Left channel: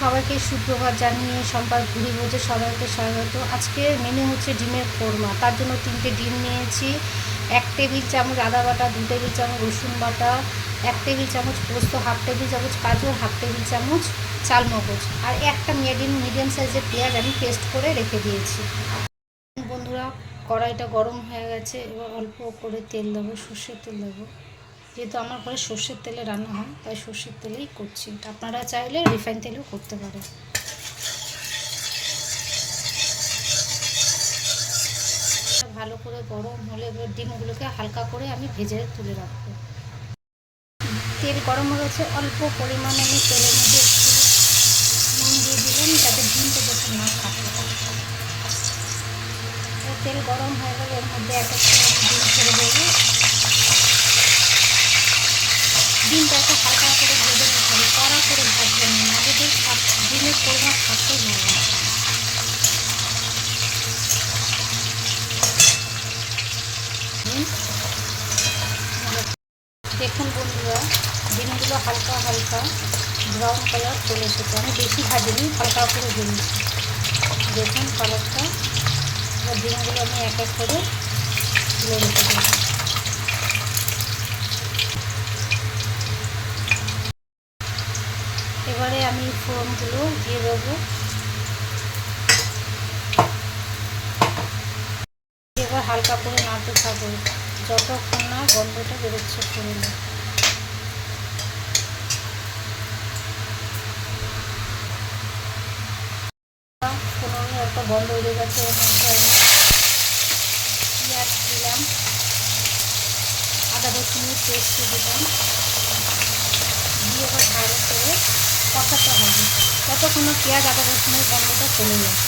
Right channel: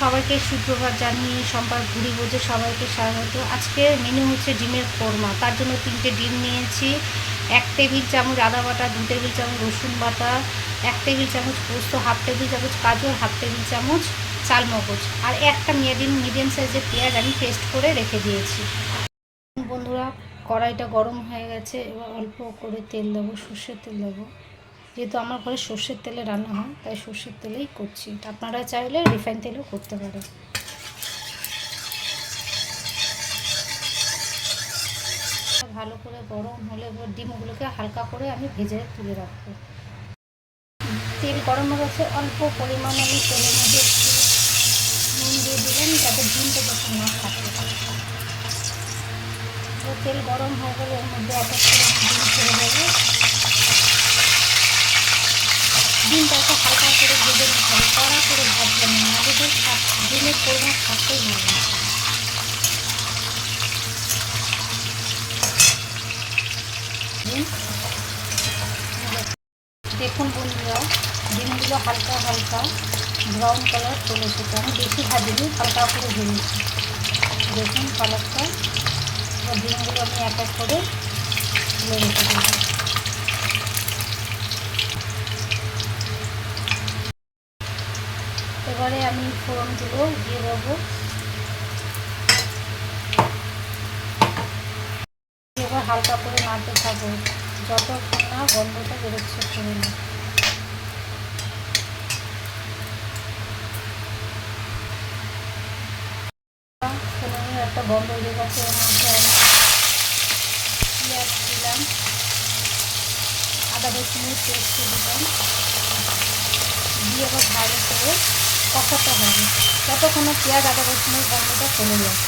সবাইকে সুপ্রভাত জানিয়ে সম্পার ভুড়ি ভোজে সবাইকে স্বাগত। আজকের মেনু হচ্ছে ডিমের কোরমা। তার জন্য 3টে ডিম নিয়েছি, 1 টেবিল চামচ আদা বাটা, 2 টেবিল চামচ রসুন বাটা, 1 টেবিল চামচ পোস্ত, 1/2 টেবিল চামচ কাজু আর 1/2 টেবিল চামচ চালমগজ, আর একটা মিডিয়াম সাইজের পেঁয়াজ আমি পেস্ট করে রেখে দিয়েছি। বন্ধুরা, কড়াইটা গরম হয়ে গেছে, এবার অল্প করে তেল দেবো, সর্ষের তেল দেবো। যেহেতু আমার ঘরে সর্ষের তেলে রান্না হয় তাই সর্ষের তেলেই করছি, আপনারা চাইলে রিফাইন তেলেও করতে পারেন। ভালো করে গরম হলে এবার ডিমগুলোকে হালকা করে আমি ভেজে তুলে রাখবো। তেল গরম হয়ে গেছে, অল্প পরিমাণ আমি তেলের মধ্যে নুন দিয়ে দিলাম যাতে ডিমটা যাতে না থাকে। তেল গরম হয়ে গেলে এর মধ্যে এক এক করে ডিম ছেড়ে দেবো। ডিমটাকে হালকা করে ভেজে নিতে হবে, কড়া করে ভাজবেন না, আমাদের ডিমের কোরমা থাকতেই ভালো লাগে। দেখুন বন্ধুরা, ডিমগুলো হালকা হালকা ব্রাউন কালার চলে এসেছে, আমি বেশি ভাজিনি, হালকা করে ভেজেছি। দেখুন কালারটা। এবার ডিমগুলো আমি এক এক করে তুলে রেখে দেবো। এবারে আমি ফোড়নগুলো দিয়ে দেবো। এবার হালকা করে নাড়তে থাকবো যতক্ষণ না গন্ধটা বেরোচ্ছে ফোড়নে। ফোড়নে একটা গন্ধ উঠে গেছে, এর মধ্যে আমি পেঁয়াজ দিলাম, আদা রসুনের পেস্ট দিলাম, দিয়ে এবার ভালো করে কষাতে হবে যতক্ষণ না পেঁয়াজ আদা রসুনের গন্ধটা চলে যায়।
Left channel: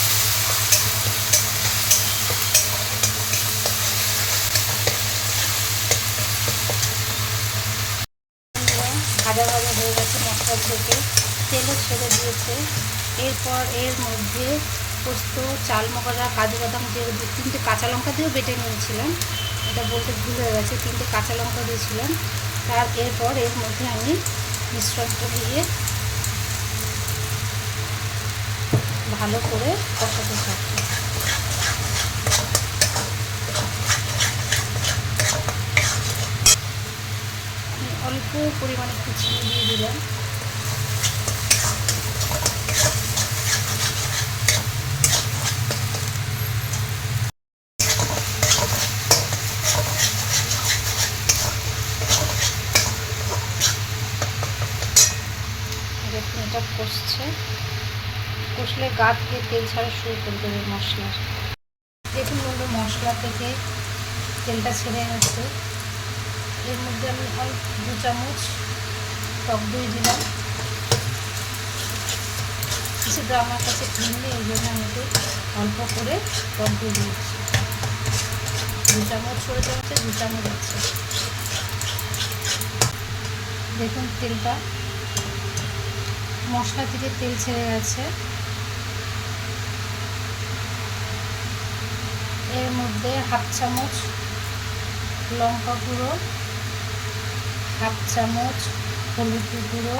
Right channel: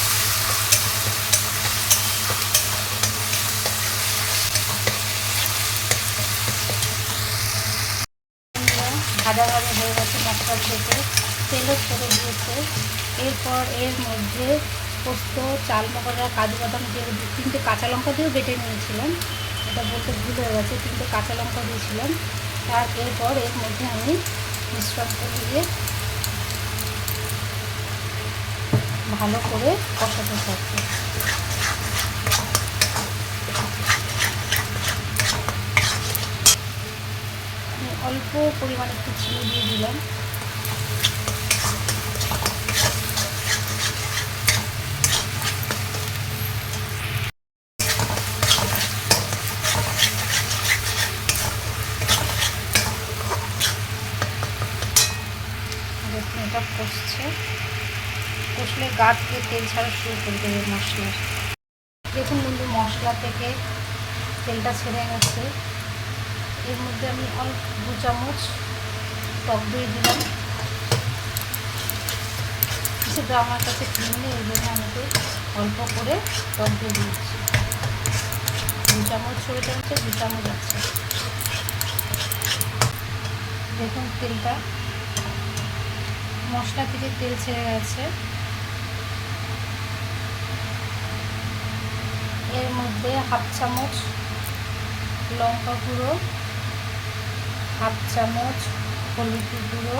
ভাজা ভাজা হয়ে গেছে, মশলা থেকে তেলও ছেড়ে দিয়েছে। এরপর এর মধ্যে পোস্ত, চালমগজ আর কাজু বাদাম দিয়ে 3টে কাঁচা লঙ্কা দিয়েও বেটে নিয়েছিলাম, এটা বলতে ভুল হয়ে গেছে, 3টে কাঁচা লঙ্কা দিয়েছিলাম। এরপর এর মধ্যে আমি মিশ্রণটা দিয়ে ভালো করে কষাতে থাকবো। অল্প পরিমাণে একটু চিনি দিয়ে দিলাম। দেখুন এটা কষলে গা থেকে তেল ছাড়া শুরু করে দেবে মশলার। দেখুন বন্ধু, মশলা থেকে তেলটা ছেড়ে গেছে। এর মধ্যে আমি অল্প 2 চামচ টক দই দিলাম। সেটা আমার কাছে ক্রিম নেই, এই জন্য আমি একটু অল্প করে টক দই দিয়েছি। 2 চামচ, ছোটো চামচে 2 চামচ আছে। দেখুন তেলটা, মশলা থেকে তেল ছেড়ে গেছে। এর মধ্যে 1/2 চামচ লঙ্কা গুঁড়ো, 1/2 চামচ হলুদ গুঁড়ো,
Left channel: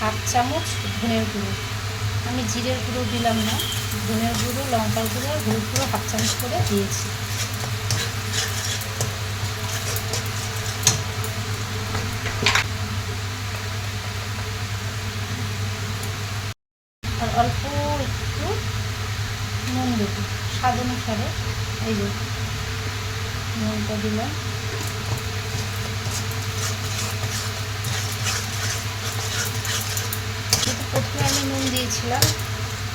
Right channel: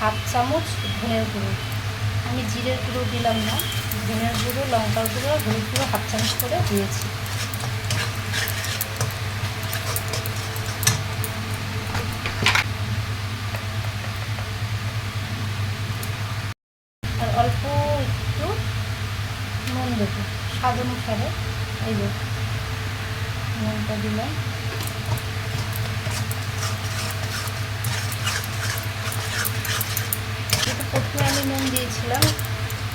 1/2 চামচ ধনের গুঁড়ো। আমি জিরের গুঁড়ো দিলাম না, ধনের গুঁড়ো, লঙ্কার গুঁড়ো, হলুদ গুঁড়ো 1/2 চামচ করে দিয়েছি। আর অল্প একটু নুন দেবো স্বাদ অনুসারে। এই যে নুনটা দিলাম। প্রথমে আমি নুন দিয়েছিলাম,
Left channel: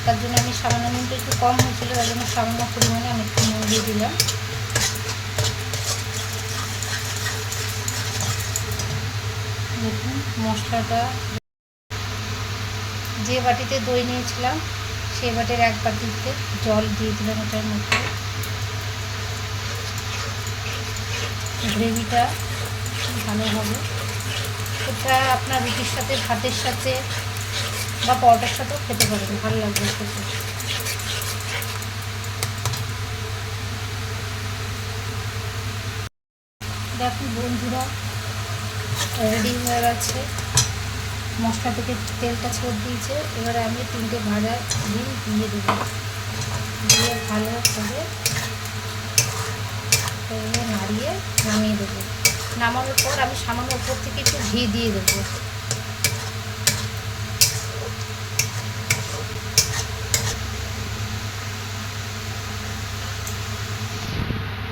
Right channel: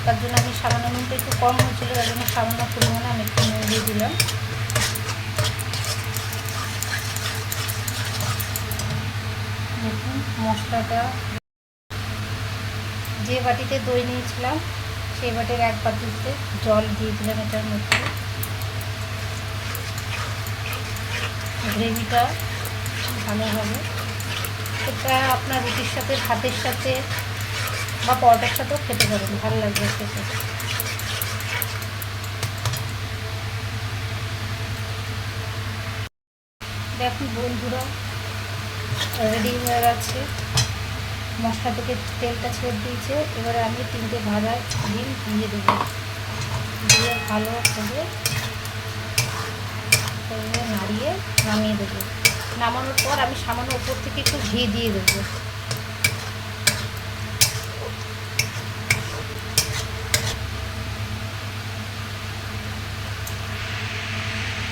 তার জন্য আমি সামান্য, নুনটা একটু কম হয়েছিল, তার জন্য সামান্য পরিমাণে আমি একটু নুন দিয়ে দিলাম। দেখুন মশলাটা, যে বাটিতে দই নিয়েছিলাম সেই বাটির 1 বাটিতে জল দিয়ে দিলাম এটার মধ্যে। গ্রেভিটা ভালো হবে। এটা আপনার রুটির সাথে, ভাতের সাথে বা পরোটার সাথেও খেতে পারেন, ভালো লাগবে খেতে। দেখুন বন্ধুরা, রেডি হয়ে গেছে। মশলা থেকে তেলটা ছেড়ে দিয়েছে। এবারে আমি 3টে ভাজা ডিম দিয়ে দেবো, দিয়ে ভালো করে নাড়িয়ে নামিয়ে দেবো। নামানোর পর আমি সামান্য ওপর থেকে একটু ঘি দিয়ে দেবো।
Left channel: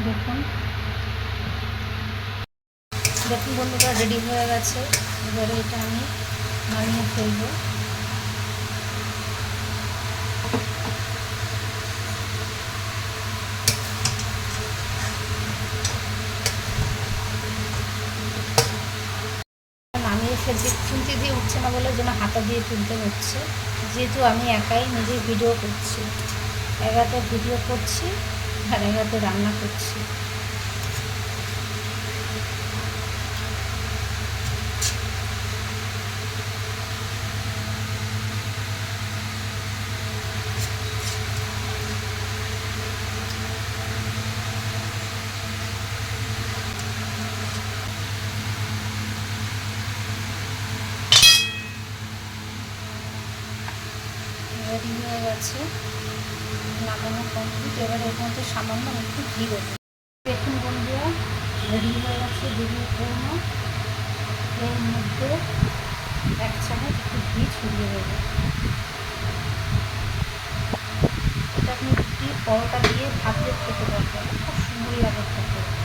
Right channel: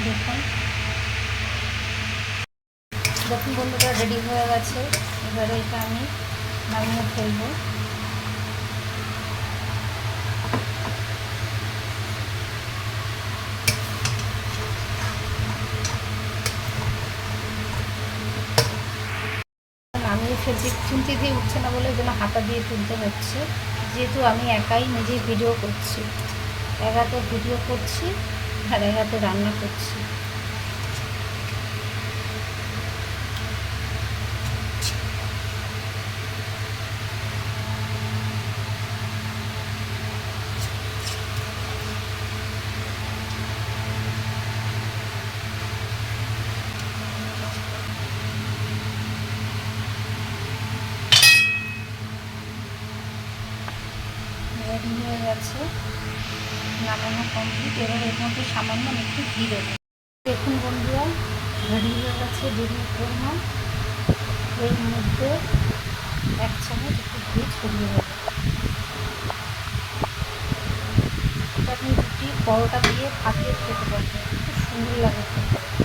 দেখুন দেখুন বন্ধুরা, রেডি হয়ে গেছে। এবারে এটা আমি নামিয়ে ফেলবো। নামিয়ে ফেলছি, চিনতে দিয়ে উঠছে না বলে যেন হাতা দিয়ে তুলতে হচ্ছে, যেহেতু আমি একাই নিজেই ভিডিও করছি। একাতে ভিডিও করছি আর একাতে রান্না করছি। রেডি হয়ে গেছে, নামানো কমপ্লিট। এবার এর মধ্যে সামান্য একটু ঘি দেবো। দেখুন বন্ধুরা, রেডি হয়ে গেছে ডিমের কোরমা। এর মধ্যে 1 চামচ একটু ঘি ছড়িয়ে দেবো। এটা আপনি রুটি পরোটা দিয়ে ভাত দিয়ে খেতে পারবেন, খুব সুন্দর লাগে খেতে।